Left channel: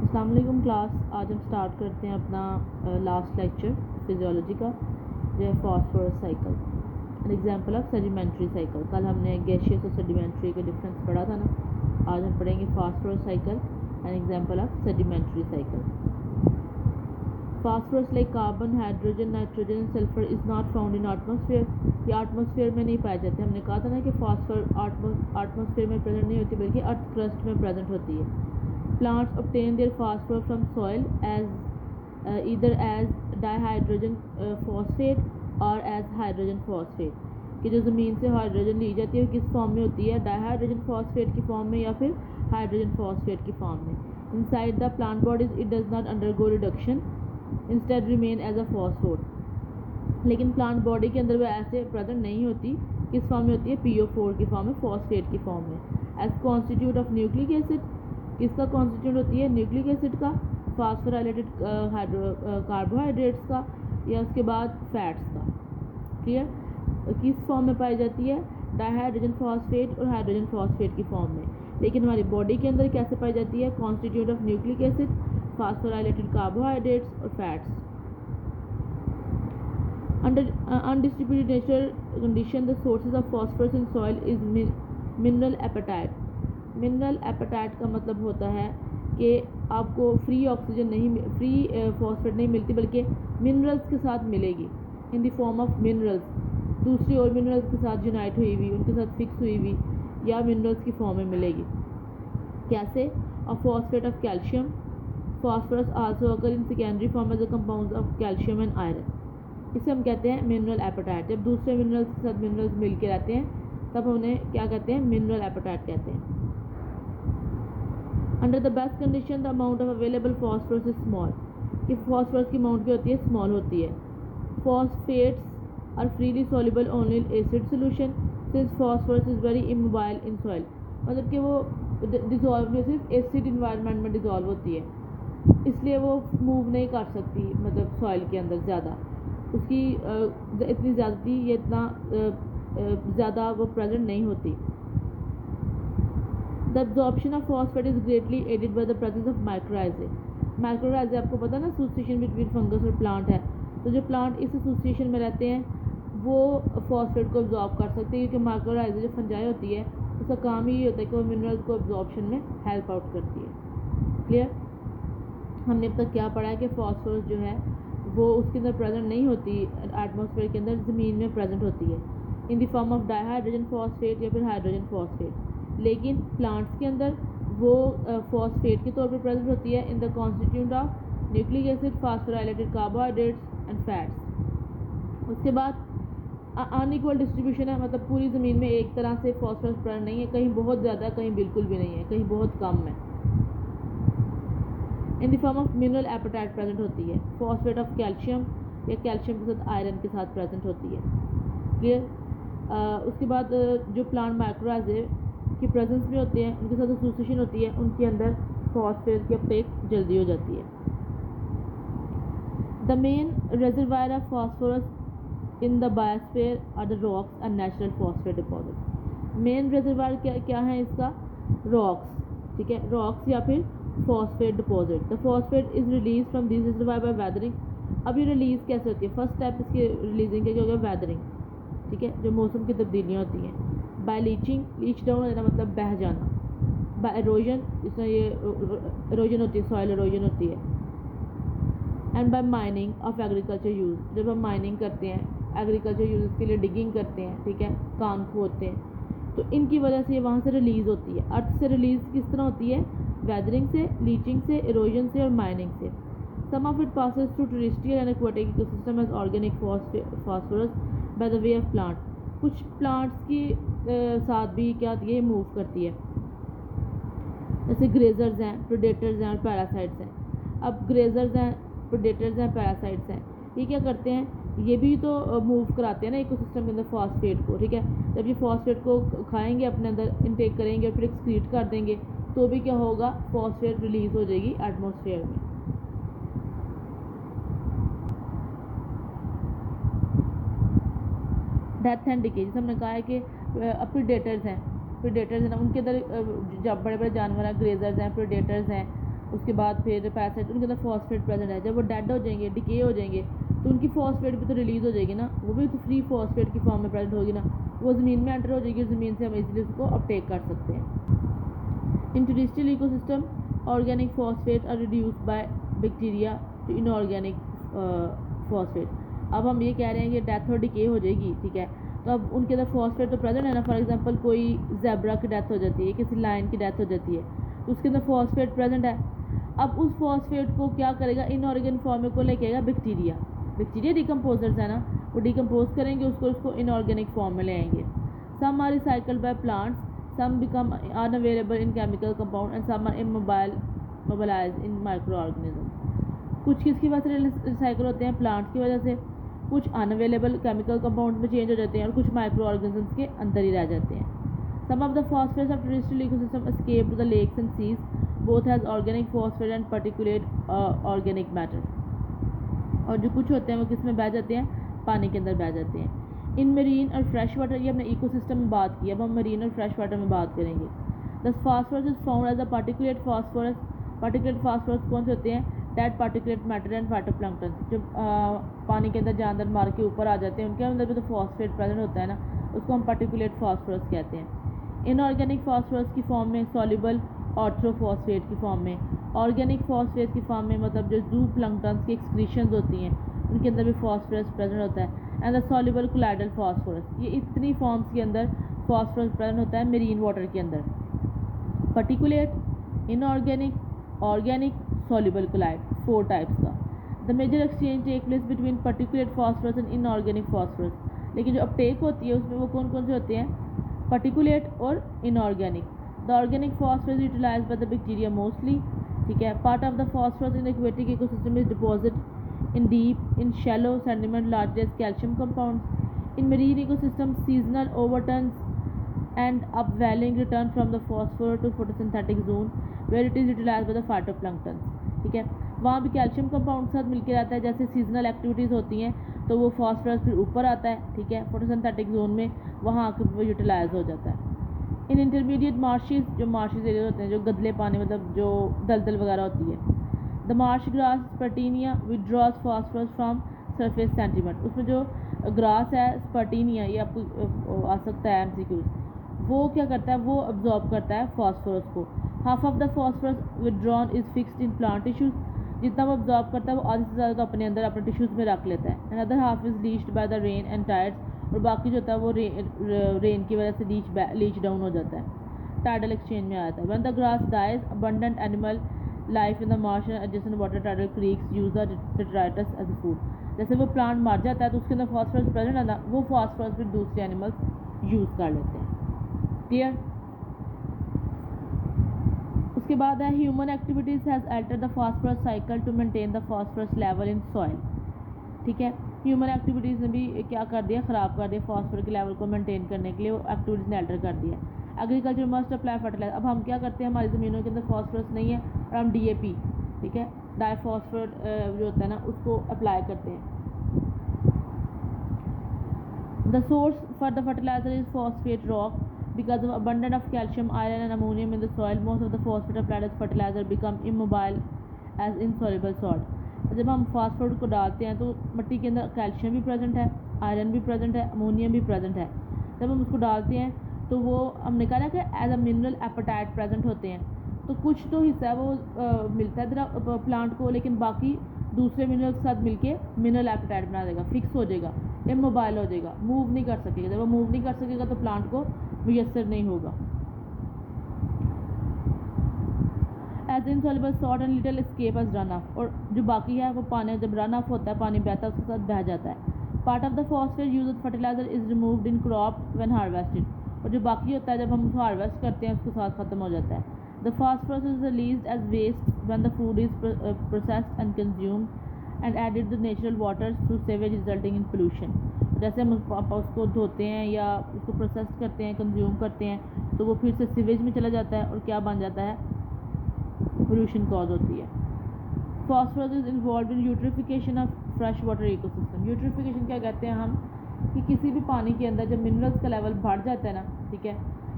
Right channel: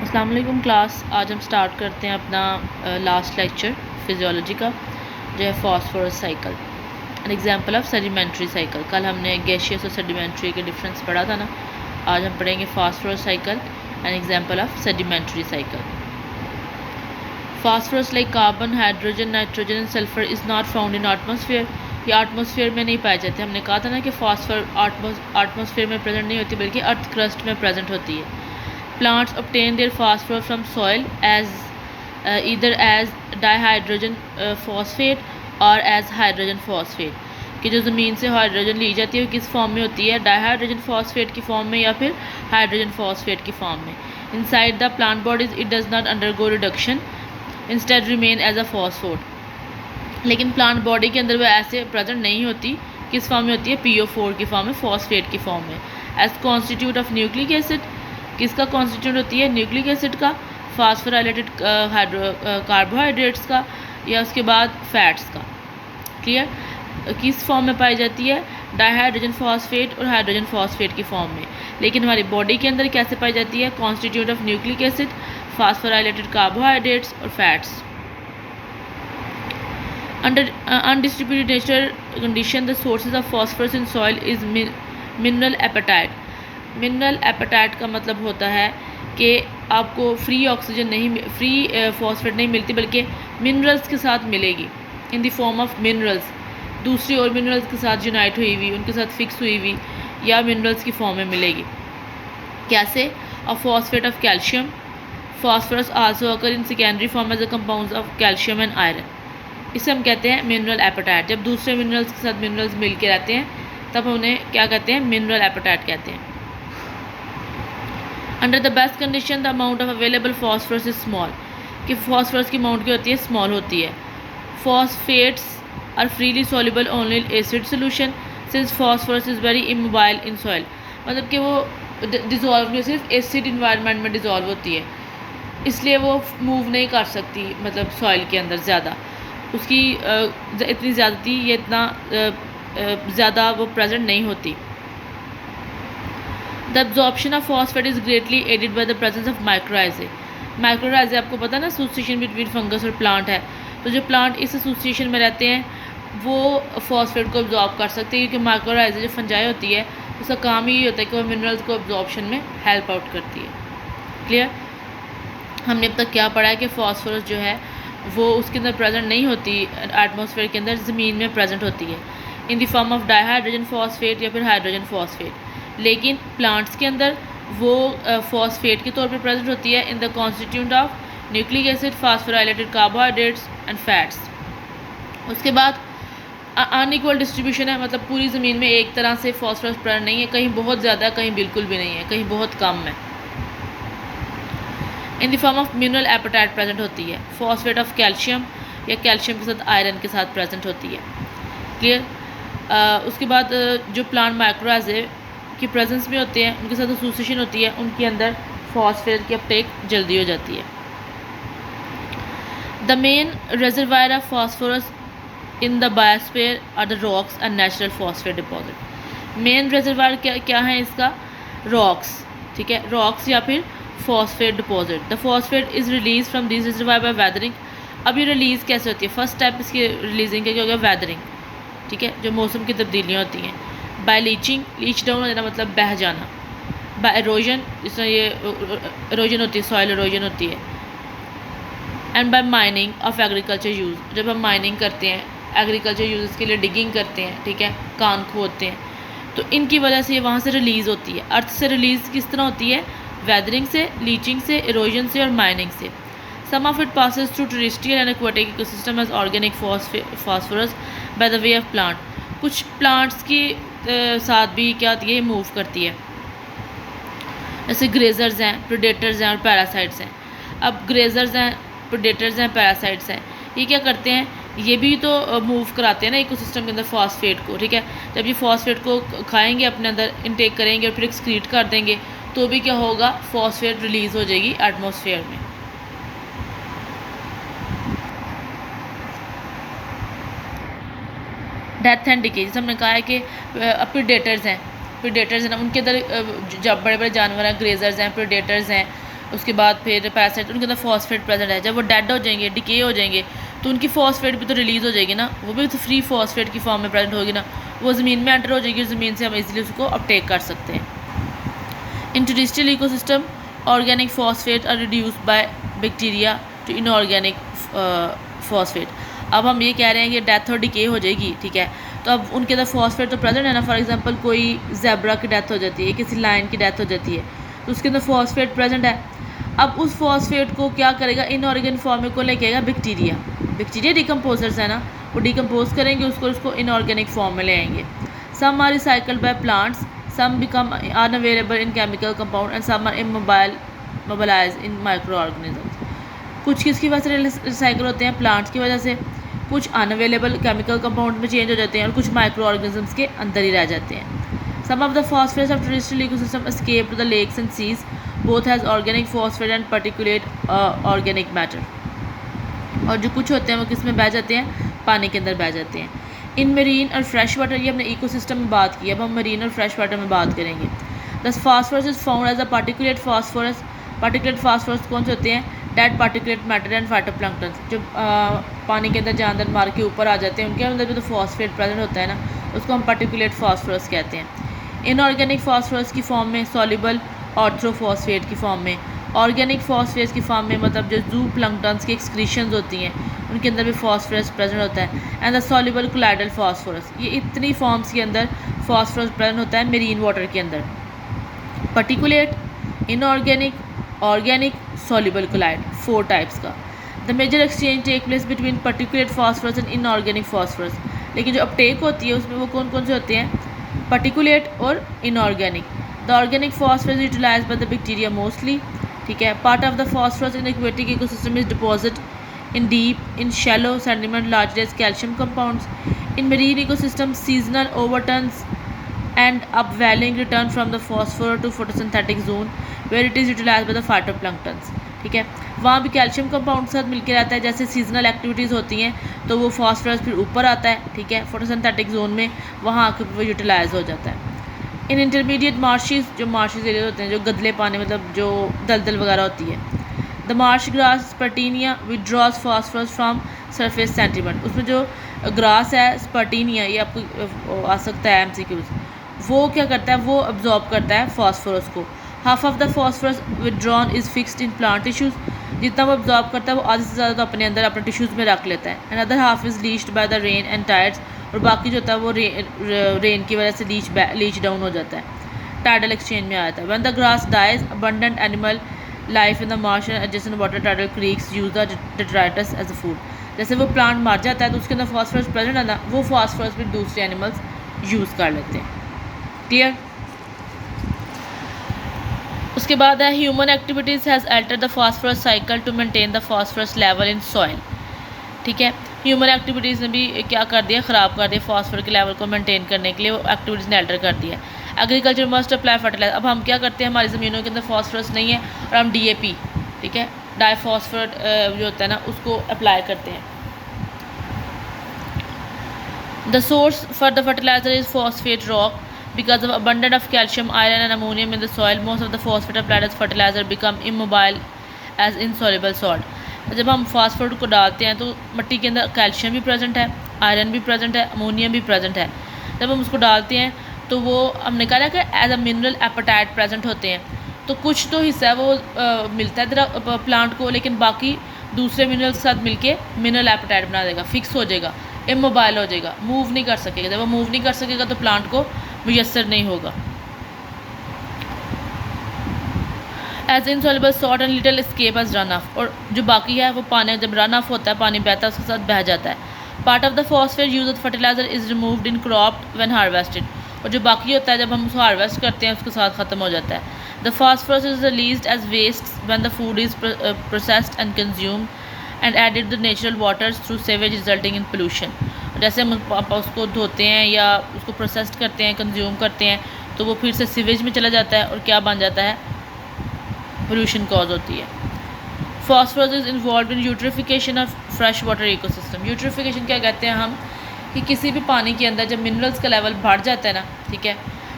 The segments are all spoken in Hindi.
अस्सलाम वालेकुम क्लास। आज हम स्टार्ट करते हैं अपना लास्ट लेक्चर फिजियोलॉजी का, जो है phosphorus cycle, an example of sedimentary cycle. कल हमने गैसियस और सेडिमेंट्री के डिफरेंस पढ़ा था ना। आज हम पढ़ेंगे phosphorus cycle, an example of sedimentary cycle. Phosphorus like carbon, hydrogen, nitrogen and sulphur is not found in atmosphere. ये एटमॉस्फेयर में नहीं पाए जाते। हमने कहा था ना कि फास्फोर एटमॉस्फेयर में प्रेजेंट नहीं होती, बल्कि अर्थ क्रस्ट में प्रेजेंट होती है। Plants obtain their phosphorus from soil as either as dihydrogen phosphate or as hydrogen phosphate। कि जो ज़मीन से हाइड्रोजन ली जाती है वो किस फॉर्म में होती है, डाइहाइड्रोजन फॉस्फेट की फॉर्म में या फिर हाइड्रोजन फॉस्फेट की फॉर्म में। Inside the plant bodies it does not undergo reduction, instead remain as a phosphate. लेकिन प्लांट बॉडी के अंदर वो ऐसे प्रेजेंट नहीं होती। किस फॉर्म में होती है, PO4 की फॉर्म में, फॉस्फेट की फॉर्म में, as constituent of nucleic acid. किसका कॉन्स्टिट्यूट होती है, न्यूक्लिक एसिड का, फास्फोराइलेटेड कार्बोहाइड्रेट्स का, या उसके बाद फैट्स का। क्लियर। किस फॉर्म में पाई जाती है, डाइहाइड्रोजन फॉस्फेट और हाइड्रोजन फॉस्फेट की फॉर्म में। लेकिन हमारी बॉडी के अंदर कैसे पाई जाती है, constitute of nucleic acid, phosphorylated carbohydrates और fats. Under undistributed nature condition, the sources of phosphorus in soil is mineral appetite। Mineral apatite का मतलब होता है कि आपको फ्री ऑक्सीजन नहीं, फ्री फॉस्फेट नहीं मिलती, बल्कि मिनरल्स के साथ मिलेगी, in the form of minerals. दूसरी और मिनरल्स के साथ यूनाइट हुई हुई, उनके साथ फिक्स हुई हुई, या मिनरल्स की फॉर्म में मिलेगी। कैसे, a phosphate of calcium. Phosphorus also occur in secondary form as a compounds of calcium and iron. इसे हम कहते हैं मिनरल एपेटाइट। जब दूसरे मिनरल्स के साथ मिनरल्स मिल के रहते हैं तब उन्हें क्या कहते हैं, मिनरल एपेटाइट कहते हैं। Under the best condition the amount of available phosphorus is small. कि फॉस्फोरस की अमाउंट क्या होती है, स्मॉल होती है। Phosphates are freely soluble only in acid solution since phosphorus is very immobile in soil. मतलब कि वो डिज़ोल्व नहीं, सिर्फ एसिड इन्वायरमेंट में डिज़ोल्व होती है, इसलिए वो मूव नहीं कर सकती, मतलब सॉइल के अंदर ज़्यादा उसकी इतनी ज़्यादती, ये इतना ज़्यादा वो प्रेजेंट नहीं होती। The absorption of phosphate is greatly aided by the presence of mycorrhizae. Mycorrhizae आपको पता है ना, एसोसिएशन बिटवीन फंगस और प्लांट है। तो जो प्लांट इस एसोसिएशन में रहते हैं वो फॉस्फेट को एब्जॉर्ब कर सकते हैं, क्योंकि माइक्रोराइजे जो फंजाई होती है उसका काम ही होता है कि वो मिनरल्स को एब्जॉर्प्शन में हेल्प आउट करती है। क्लियर। हमने अब तक क्या पढ़ा है कि फॉस्फोरस जो है वो उसके अंदर प्रेजेंट नहीं होती, एटमॉस्फेयर के अंदर ज़मीन में प्रेजेंट होती है in the form of dihydrogen phosphate या फिर हाइड्रोजन फॉस्फेट। लेकिन प्लांट्स के अंदर वो फॉस्फेट के तौर पर प्रेजेंट होती है in the constitute of nucleic acid, phosphorylated carbohydrates and fats. उसके बाद अनइक्वल डिस्ट्रीब्यूशन है, मतलब पूरी ज़मीन में एक तरह से फॉस्फोरस प्रेजेंट नहीं है, कहीं बहुत ज़्यादा, कहीं बिल्कुल भी नहीं है, कहीं बहुत कम है। In the form of mineral apatite present होती है। फॉस्फेट ऑफ कैल्शियम या कैल्शियम के साथ आयरन के साथ प्रेजेंट होती है। क्लियर। उसके बाद जो प्लांट माइक्रोराइजे की प्रेजेंस में होते हैं, उनके साथ एसोसिएशन होती है, उनके अंदर फॉस्फेट की अपटेक जल्दी हो जाती है। The main reservoir of phosphorus in the biosphere are the rocks and natural phosphate deposit. Main reservoir क्या है इसका, रॉक्स। ठीक है, रॉक्स या फिर phosphate deposit. The phosphate is release from this reservoir by weathering. अब ये रिलीज़ कैसे होती है, फर्स्ट स्टेप इसकी रिलीजिंग का क्या होगा, वेदरिंग। ठीक है, जो मौसम की तब्दीलियाँ होती हैं। बाय लीचिंग, लीच डाउन हो जाना मतलब बह जाना। बाय एरोजन, जिस तरह ये एरोजन होती है, सॉइल एरोजन होती है। And by mining of agriculture use, जब हम माइनिंग करते हैं, एग्रीकल्चर यूज़ के लिए डिगिंग करते हैं, ठीक है, कान खोदते हैं, तो इनकी वजह से ये वहाँ से रिलीज़ होती है। अर्थ से रिलीज़ किस तरह होती है, वेदरिंग से, लीचिंग से, एरोजन से और माइनिंग से। Some of it passes through terrestrial and aquatic ecosystem as organic phosphorus by the way of plant. कुछ प्लांट्स की साथ भी क्या होती है, मूव करती है, जैसे ग्रेजर्स हैं, प्रेडेटर्स हैं और पैरासाइट्स हैं। अब ग्रेजर्स हैं, प्रेडेटर्स हैं, पैरासाइट्स हैं, ये क्या करते हैं, ये भी तो मूव कराते हैं ना इकोसिस्टम के अंदर फॉस्फेट को। ठीक है, जब ये फॉस्फेट को खाएंगे, अपने अंदर इनटेक करेंगे और फिर एक्सक्रीट कर देंगे, तो भी क्या होगा, फॉस्फेट रिलीज़ हो जाएगी एटमॉस्फेयर में। डेथ एंड डिके, जैसे हमने कहा है कि प्रेडेटर्स हैं ना, उनके अंदर जब बड़े बड़े जानवर हैं, ग्रेजर्स हैं, प्रेडेटर्स हैं, उसके बाद फिर पैरासाइट, उनके अंदर फॉस्फेट प्रेजेंट है। जब वो डेड हो जाएंगे, डिके हो जाएंगे, तो उनकी फॉस्फेट भी तो रिलीज़ हो जाएगी ना, वो भी तो फ्री फॉस्फेट की फॉर्म में प्रेजेंट होगी ना, वो ज़मीन में एंटर हो जाएगी, ज़मीन से हम इजीली उसको अपटेक कर सकते हैं। In terrestrial ecosystem organic phosphate are reduced by bacteria to inorganic phosphate. अब हम ये कह रहे हैं कि डेथ और डिके हो जाएगी, ठीक है, तो अब उनके अंदर फॉस्फेट तो प्रेजेंट है ना। फॉर एग्जांपल कोई ज़ेब्रा की डेथ हो जाती है, किसी लायन की डेथ हो जाती है, तो उसके अंदर फॉस्फेट प्रेजेंट है। अब उस फॉस्फेट को क्या करेगा, इनऑर्गेनिक फॉर्म में को लेके आएगा बैक्टीरिया। बैक्टीरिया डिकम्पोजर्स है ना, वो डिकम्पोज करेंगे उसको इनऑर्गेनिक फॉर्म में ले आएंगे। Some are recycled by plants, some become unavailable in chemical compound and some are immobilised in micro organisms. कुछ किसकी वजह से रिसाइकल होते हैं, प्लांट्स की वजह से, कुछ अनअवेलेबल केमिकल कंपाउंड में चेंज हो जाते हैं और कुछ माइक्रो ऑर्गेनिजम्स के अंदर ही रह जाते हैं। Some of the phosphates of terrestrial ecosystem escape to the lakes and seas, both has organic phosphate and particulate organic matter. और जो कुछ होते हैं वो किस में बह जाते हैं, पानी के अंदर बह जाते हैं। इन मरीन और फ्रेश वाटर, ये हमने इकोसिस्टम में बात की, अब हम मरीन और फ्रेश वाटर में बात करेंगे। Thus phosphorus is found as a particulate phosphorus. Particulate phosphorus कौन से होते हैं, dead particulate matter and phytoplankton, जो पानी के अंदर जानदार मार के ऊपर आ जाते हैं, उनके अंदर भी तो फॉस्फेट प्रेजेंट होता है ना, उसको हम पार्टिकुलेट फास्फोरस कहते हैं। इनऑर्गेनिक फास्फोरस की फॉर्म में, सॉल्युबल ऑर्थ्रोफॉस्फेट की फॉर्म में, ऑर्गेनिक फॉस्फेट्स की फॉर्म में, मतलब जो जू प्लैंक्टन्स की एक्सक्रीशंस होती हैं उनके अंदर भी फॉस्फोरस प्रेजेंट होता है। And the soluble colloidal phosphorus, ये इतनी फॉर्म्स के अंदर फॉस्फोरस प्रेजेंट होता है मेरीन वाटर के अंदर। Particulate, inorganic, organic, soluble colloid, 4 types का। The major exchange take place between particulate phosphorus and inorganic phosphorus, लेकिन जो अपटेक होती है उसमें वो कौन कौन से होते हैं, पर्टिकुलेट और inorganic. The organic phosphorus utilized by the bacteria mostly, ठीक है। Part of the phosphorus in aquatic ecosystem is deposit in deep, in shallow sediment largely as calcium compounds. In marine ecosystem, seasonal overturns and upwelling return from the phosphor to photosynthetic zone where it is utilized by the phytoplanktons, ठीक है। वहाँ भी कैल्शियम कंपाउंड के साथ मिलकर रहता है, जैसे सीजनल एक्टिविटीज़ होती हैं तो वो फॉस्फोरस फिर ऊपर आता है, ठीक है, फोटोसिंथेटिक जोन में, वहाँ आकर वो यूटिलाइज हो जाता है। इन इंटरमीडिएट मार्शिस, जो मार्शिस एरिया होते हैं, जो गदले पानी, मतलब जो दलदल वगैरह होती है। The marsh grass spartina withdraws phosphorus from surface sediment, उसमें जो ग्रास है स्पर्टीनिया, ये आपको आ सकता है MCQs, वो क्या करता है, वो अब्जॉर्ब करता है फास्फोरस को। Half of the phosphorus withdrawn is fixed in plant tissues, जितना वो अब्जॉर्ब करता है वो आधे से ज़्यादा तो अपने अंदर अपने टिश्यूज़ में रख लेता है। And other half is leached by the rain and tides, और बाकी जो होता है वो रेन की वजह से लीच डाउन हो जाता है, टाइडल एक्सचेंज में आ जाता है। When the grass dies, abundant animal life in the marsh and adjacent water tidal creeks use the detritus as a food. जैसे वो प्लांट मर जाता है तो उसके अंदर फॉस्फोरस प्रेजेंट है ना, वो फॉस्फोरस फिर दूसरे एनिमल्स यूज़ कर लेते हैं। क्लियर। उसके बाद है human activities has altered the phosphorus cycle to maintain the phosphorus level in soil, ठीक है। ह्यूमन एक्टिविटीज़ ने भी क्या कर दिया, ख़राब कर दिया फॉस्फोरस के लेवल को मेंटेन करने के लिए, वो एक्टिविटीज़ ने अल्टर कर दिया। एग्रीकल्चर मस्ट अप्लाई फर्टिलाइजर, अब हम क्या करते हैं, हमारी ज़मीनों के अंदर फॉस्फोरस नहीं है और हम DAP, ठीक है, डाईफॉस्फेट जो होता है ना, उसको अप्लाई करते हैं। The source for the fertilizer is phosphate rock because of abundance of calcium, iron and ammonium in the soil. Most of the phosphate applied as fertilizer become immobile as insoluble salt. जब हम फास्फोरेट को डालते हैं तो मिट्टी के अंदर कैल्शियम भी प्रेजेंट है, आयरन भी प्रेजेंट है, अमोनियम भी प्रेजेंट है। जब हम उसको डालते हैं तो वो हमने कहा कि as a mineral apatite present होते हैं, तो कुछ तो हिस्सा है वो मिलता है प्लांट को, लेकिन बाकी दूसरे मिनरल्स के साथ मिलके मिनरल एपेटाइट बना देगा, फिक्स हो जाएगा, इमोबाइल हो जाएगा, मूव नहीं कर सकेगा। जब वो मूव नहीं कर सकेगा तो प्लांट को मुयसर नहीं होगा। As insoluble salt and little escape as run off, और जो बाकी है वो पानी जब रन ऑफ होता है, पानी बहता है, उसके साथ बह जाता है। Part of the phosphate use of fertilizer is removed in crop when harvested, और जो बाकी होता है जब हम उसको हार्वेस्ट करते हैं उसके साथ ख़त्म हो जाता है। The phosphorus is released as waste when the food is processed and consumed and added the natural waters through sewage resulting in pollution. जैसे हम उसको धोते हैं या उसको प्रोसेस्ड करते हैं, कंज्यूम करते हैं, तो वो फिर से सीवेज में चला जाता है और क्या बन जाता है, पोल्यूशन कॉज होती है। Phosphorus is involve in eutrophication of fresh water ecosystem. Eutrophication क्या कहते हैं हम, कि किसी भी पानी के अंदर जब मिनरल्स का लेवल बढ़ जाता है ना, ठीक है,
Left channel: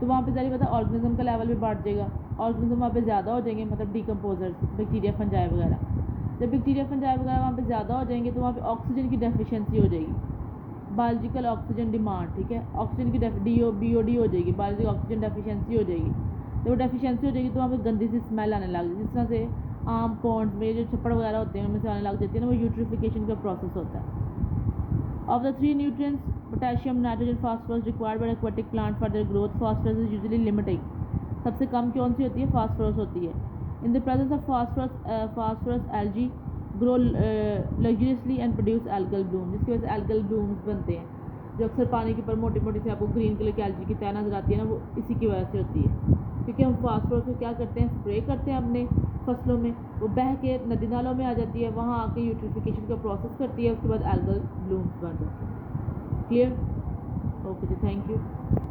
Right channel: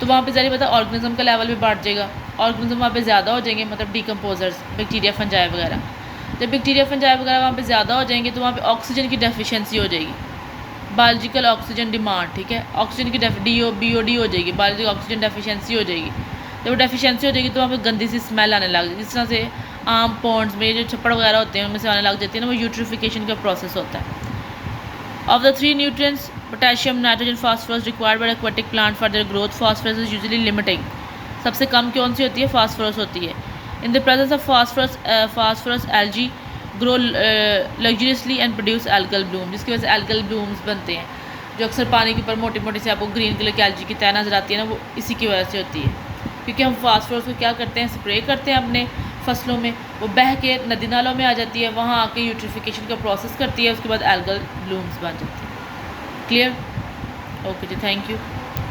तो वहाँ पे ज़ाहिर पता ऑर्गेनिज्म का लेवल भी बढ़ जाएगा, ऑर्गेनिज्म वहाँ पे ज़्यादा हो जाएंगे, मतलब डिकम्पोजर्स, बैक्टीरिया, फंजाई वगैरह। जब बैक्टीरिया, फंजाई वगैरह वहाँ पे ज़्यादा हो जाएंगे तो वहाँ पे ऑक्सीजन की डेफिशिएंसी हो जाएगी, बायोलॉजिकल ऑक्सीजन डिमांड, ठीक है, ऑक्सीजन की BOD हो जाएगी, बायोलॉजिकल ऑक्सीजन डेफिशिएंसी हो जाएगी। जब डेफिशिएंसी हो जाएगी तो वहाँ पे गंदी सी स्मेल आने लग जाएगी, जिस तरह से आम पॉन्ड्स में जो छप्पड़ वगैरह होते हैं उनमें से आने लग जाती है ना, वो यूट्रिफिकेशन का प्रोसेस होता है। Of the 3 nutrients potassium, nitrogen, phosphorus required by aquatic plant for their growth, phosphorus is usually limiting. सबसे कम कौन सी होती है? फास्फोरस होती है। In the presence of phosphorus algae grow luxuriously and produce algal bloom, जिसकी वजह से एल्गल ब्लूम्स बनते हैं, जो अक्सर पानी के ऊपर मोटी मोटी से आपको ग्रीन कलर की एल्गी की तय नजर आती है ना, वो इसी की वजह से होती है, क्योंकि हम फास्फोरस को क्या करते हैं, स्प्रे करते हैं अपने फसलों में, वो बह के नदी नालों में आ जाती है, वहाँ आके यूट्रिफिकेशन का प्रोसेस करती है, उसके बाद एल्गल ब्लूम्स बन जाती है। क्लियर? ओके जी, थैंक यू।